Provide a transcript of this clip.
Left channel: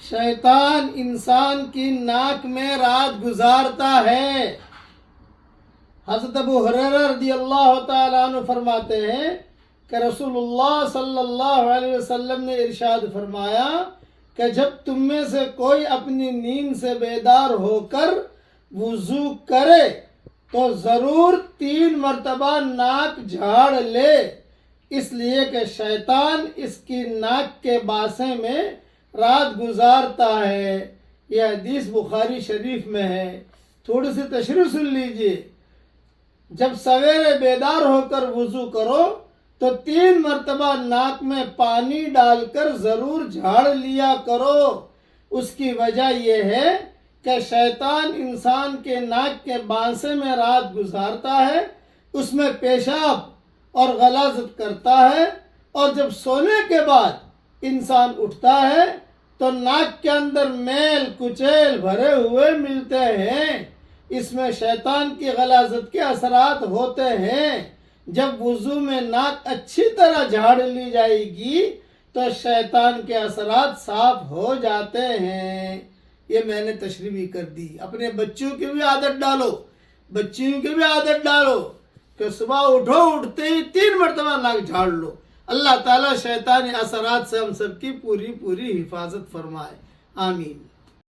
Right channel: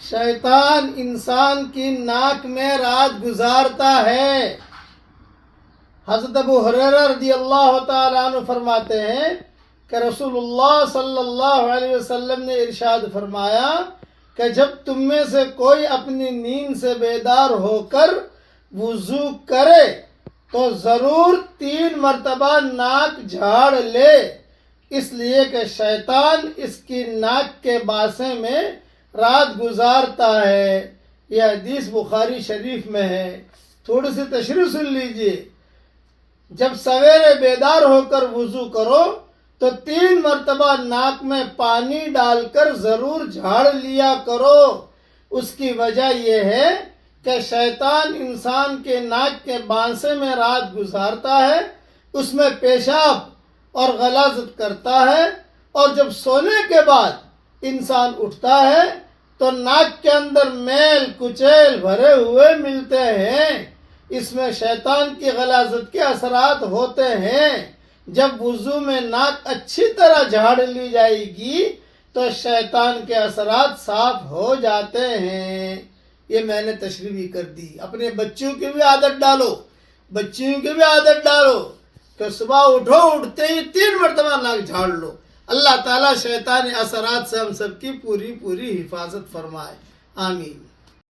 شیطان انسان کی ناک میں رات گزارتا ہے۔ حضرت ابو ہریرہ رضی اللہ تعالیٰ عنہ فرماتے ہیں کہ رسول اللہ صلی اللہ علیہ وسلم نے ارشاد فرمایا کہ جب تم میں سے کوئی اپنی نیند سے بیدار ہو کر وضو کرے تو ضرور 3 مرتبہ ناک جھاڑ لے، اس لیے کہ شیطان اس کی ناک کے باسے میں رات گزارتا ہے۔ یہ حدیث بخاری شریف میں ہے۔ تھوڑی سی تشریح سن لیجئے۔ جب سویرے بیدار ہو کر وضو کرو تو 3 مرتبہ ناک میں پانی ڈال کر ضرور جھاڑ لیا کرو۔ اس کی وجہ یہ ہے کہ شیطان انسان کے ناک کے بانسے میں رات گزارتا ہے، اس میں پیشاب اور غلاظت کرتا ہے، اور جب سونے کے بعد انسان اٹھتا ہے تو ناک کے اندر میل کچیل بھرے ہوئے ملتے ہیں۔ اس میں شیطان کی غلاظت کے اثرات ہوتے ہیں۔ جب وضو میں ناک اچھی طرح جھاڑ لی جائے گی تو شیطان کے اثرات صاف ہو جاتے ہیں۔ یہ میں نے تشریح بھی کر دی۔ اپنے بچوں کی بھی عادت ڈالو، بچیوں کی بھی عادت ڈالو کہ صبح اٹھو، اٹھتے ہی 3 مرتبہ ناک جھاڑ لو۔ اللہ تعالیٰ شیطانی اثرات سے ہم سب کی پوری حفاظت فرمائے۔ آمین۔